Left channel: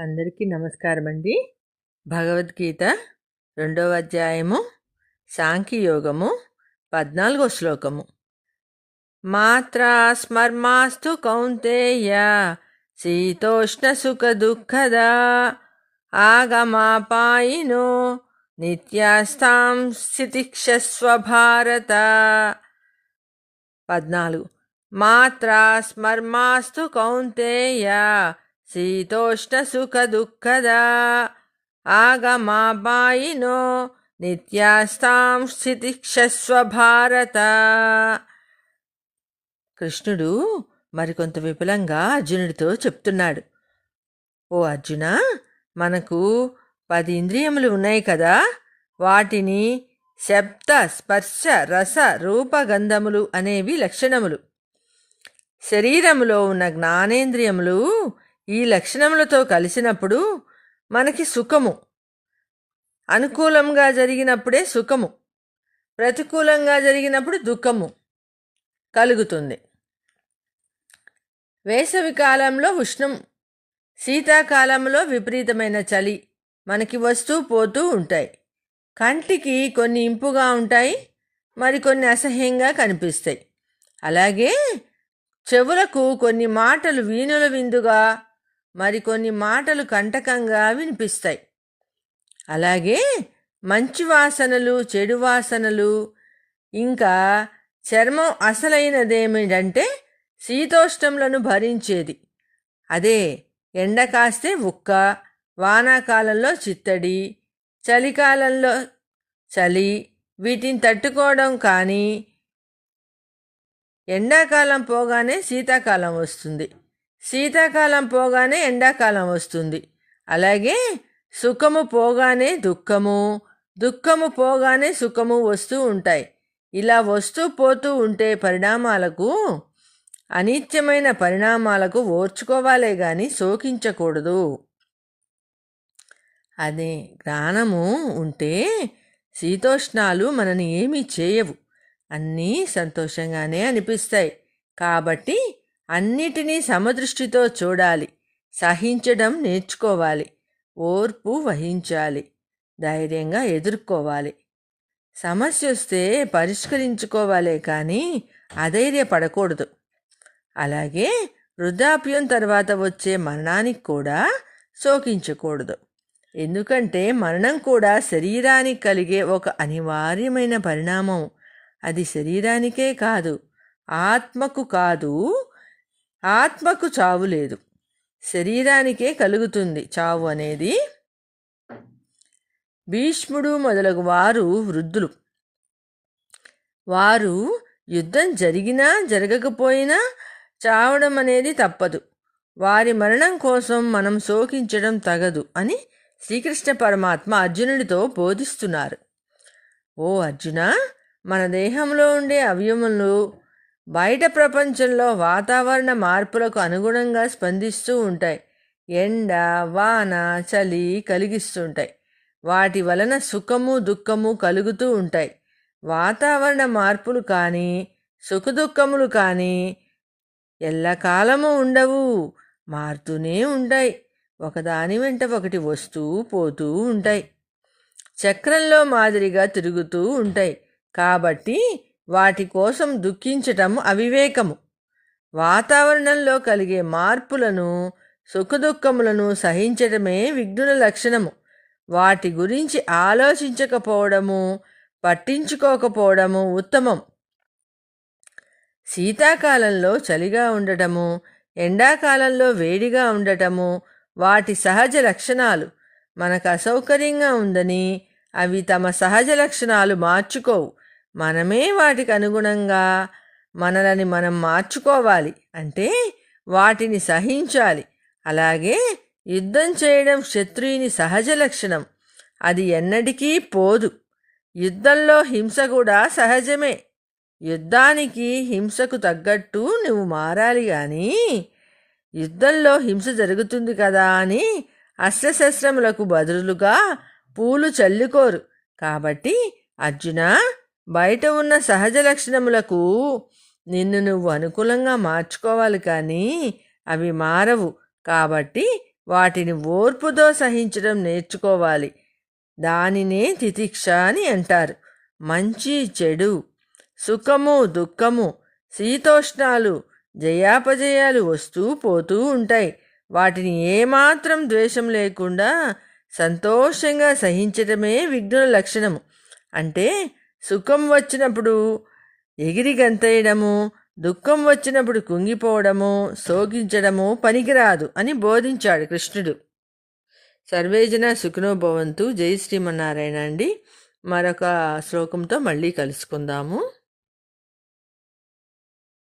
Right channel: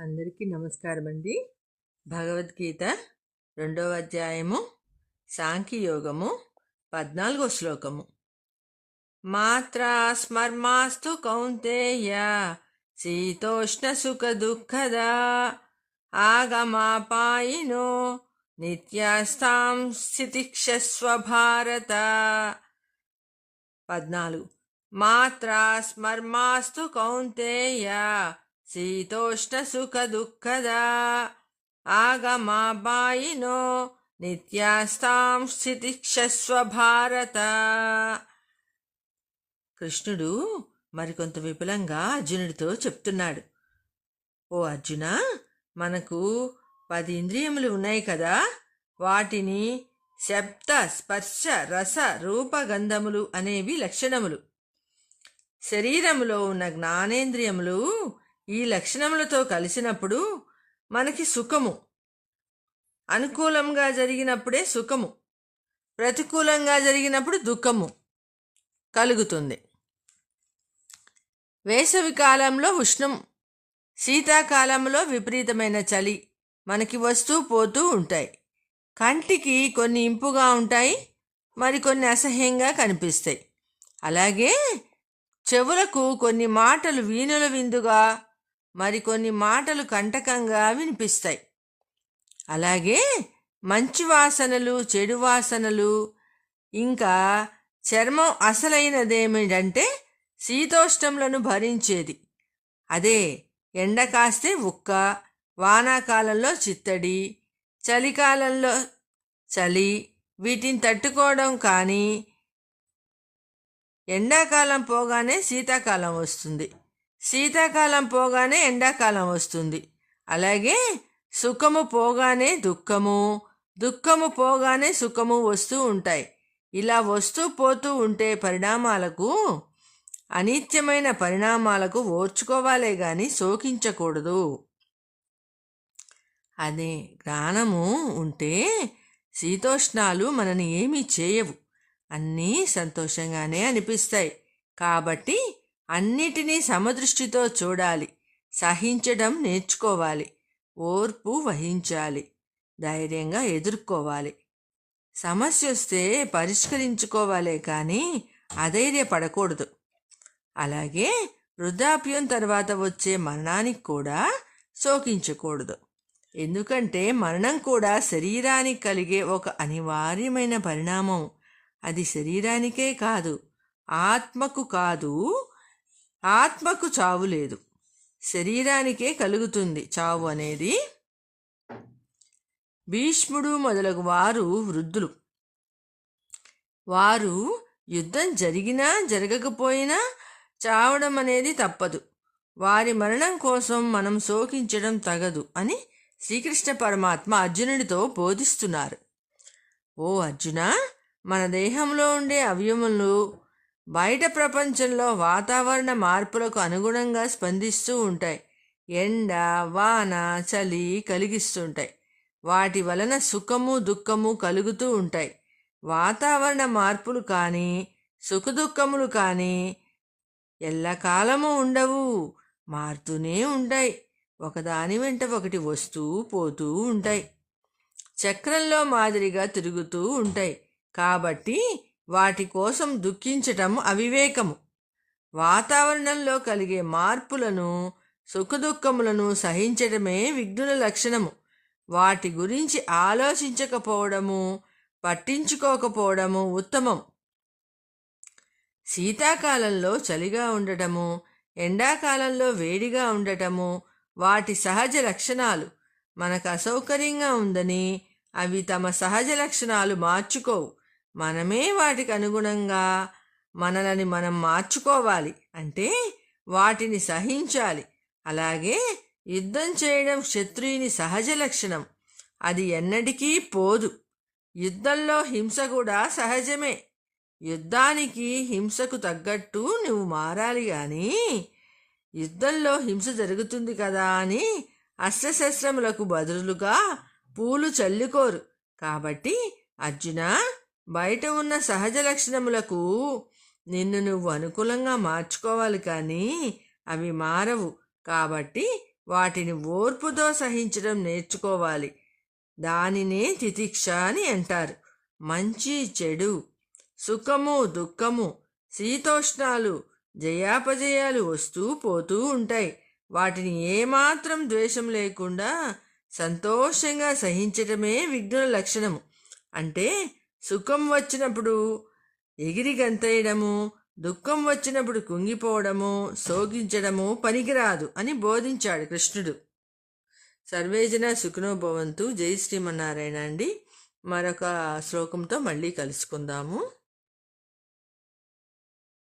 అందరికీ నమస్కారం అండి భగవద్గీత రెండవ అధ్యాయము సాంఖ్యయోగము పద్నాలుగో శ్లోకము. మాత్ర స్మర్మాస్తు కౌంతేయ శీతోష్ణ సుఖ దుఃఖద ఆగమాపాయినో నిత్యాస్తాం స్థితిక్షస్వ భారత. పద్నాలుగు. మాత్రా స్మర్మాస్తు కౌంతేయ శీతోష్ణసుఖదుఃఖదా ఆగమాబాయినో నిత్యాస్తాం స్థితిక్షస్వ భారత కృష్ణుడు మరికొంత విపులంగా అర్జునుడితో చెప్తున్నాడు. ఓ అర్జున మనకు పది ఇంద్రియములు ఉన్నాయి కదా వాటిని శబ్ద స్పర్శ రస రూపగంధములు అనేవి లక్షణములు. శరీరములో ఉన్న జ్ఞానేంద్రియములు ఈ లక్షణములతో కలిసినప్పుడు మనకి సుఖము. అనుకూలంగా జరిగినప్పుడే సుఖము. ప్రతికూలంగా జరిగినప్పుడు దుఃఖము కలుగుతుంది. వేసవి కాలంలో ఉష్ణం శీతాకాలంలో విపరీతమైన చలి మనకి వస్తూ పోతూ ఉంటాయి. కంటికి కొన్ని ఇంపుగా ఉంటాయి మరికొన్ని అసహ్యంగా కనిపిస్తాయి. అలాగే చెవులకు కొన్ని మాటలు వీణుల విందుగా మరికొన్ని మాటలు కంటకంగా వినిపిస్తాయి. అలాగే మంచి వాసనలు చెడు వాసనలు ఇంకా చర్మం అసలైనదేమిటంటే శీతోష్టములను భరించేది. అదే ఎండ కాస్తే ఉక్క వానాకాలంలో చిత్తడి చలికాలంలో చలి వీటిని తట్టుకోవడం కానీ ఎండాకాలం పోగానే శీతాకాలం వస్తుంది. శీతాకాలం పోగానే ఎండాకాలం వస్తుంది. అలాగే సుఖము పోగానే దుఃఖము దుఃఖము పోగానే సుఖము వస్తూ ఉంటాయి. ఇలా వస్తూ పోతూ ఉంటే పరిణామాలకు అనిత్యమైన పరిణామాలకు ఓర్చుకోవాలే గాని శోకించకూడదు. అదే జ్ఞానము ఉంటే శీతోష్ణాలు మనని ఏమీ చేయవు. అన్నీ సంతోషంగానే అనిపిస్తాయి. కాబట్టి అన్నిటినీ సమదృష్టితో చూడాలి. సహించడం నేర్చుకోవాలి. ఓర్పు వహించాలి. ధైర్యంగా ఎదుర్కోవాలి. సమస్య వస్తే పరిష్కరించుకోవాలే కానీ అధైర్యపడకూడదు. అలాగే వృద్ధాప్యం తర్వాత వచ్చే మరణానికి కూడా శోకించకూడదు. ఎందుకంటే మరణం కూడా శరీరానికి కలిగే ఒక అనివార్యమైన పరిణామం. అది శరీరానికే కాదు ఆత్మకు కాదు ఆత్మకు చావు లేదు. శరీరానికే కలుగుతుంది చావు అనేది. భీష్ముడు మొదలగు వారు వృద్ధులు. వారు యుద్ధం జరిగినా జరగకపోయినా చావడం అనేది తప్పదు. వారి మరణం కోసం మనం శోకించడం తగదు అని శ్రీకృష్ణ పరమాత్మ అర్జునుడితో బోధిస్తున్నారు. ఓ అర్జున మన దేహంలో ఉండే అవయములు బయట ప్రపంచంలో వాతావరణ మార్పులకు అనుగుణంగా స్పందిస్తూ ఉంటాయి. ఎండ వాన చలి కలిగిస్తుంటాయి వాటి వలన సుఖము దుఃఖము కలుగుతూ ఉంటాయి. వాతావరణ మార్పులు కానీ సుఖదుఖములు కానీ ఎల్లకాలము ఉండవు. మారుతూనే ఉంటాయి. ఒకదాని వెంట ఒకటి వస్తూ పోతూ ఉంటాయి. చక్రంలో మాదిరిగా తిరుగుతూ ఉంటాయి. కాబట్టి వాటి కోసం దుఃఖించటం అవివేకము. వాతావరణంలో కలిగే మార్పులను సుఖదుఖములను సహించటమే విఘ్నుల లక్షణము. వాటి గురించి ఆలోచించకపోవడము పట్టించుకోకపోవడము ఉత్తమం. శీతాకాలంలో చలిగా ఉండటము ఎండాకాలంలో వేడిగా ఉండటము వాటి సహజ లక్షణాలు. మనకు అసౌకర్యంగా ఉందని అవి తమ సహజ లక్షణాలు మార్చుకోవు. మనమే వాటికి అనుగుణంగా మనలని మనం మార్చుకోవాలి. అంటే వాటిని సహించాలి. అలాగే యుద్ధం చేయడం శత్రువుని సహజ లక్షణం. అది ఎన్నటికీ పోదు. యుద్ధంలో హింస కూడా సహజమే. యుద్ధానికి హింసకు తగ్గట్టు నువ్వు మారాలి కానీ యుద్ధంలో హింస జరుగుతుంది కదా అని అస్త్రశస్త్రములకు బదులుగా పూలు చల్లుకోరు. కాబట్టి అర్జున బయట ఉన్న సహజ లక్షణములకు నిన్ను నువ్వు అనుకూలంగా మార్చుకోవాలి కానీ అవి మారవు. కాబట్టి వాటిని ఓర్పుతో సహించడం నేర్చుకోవాలి. దానినే తితిక్ష అని అంటారు. మంచి చెడు సుఖము దుఃఖము శీతోష్ణాలు జయాపజయాలు వస్తూ పోతూ ఉంటాయి. వాటిని ఏమాత్రం ద్వేషం లేకుండా సంతోషంగా సహించటమే విఘ్నుల లక్షణము. అంటే సుఖం వచ్చినప్పుడు ఎగిరి గంతేయడము దుఃఖం వచ్చినప్పుడు కుంగిపోవడము సోగించడము పనికిరాదు అని బోధించాడు కృష్ణుడు. సర్వేజన సుఖనో భవంతు. జై శ్రీమన్నారాయణ అండి. మరొక శ్లోకంతో మళ్ళీ కలుసుకుందాము.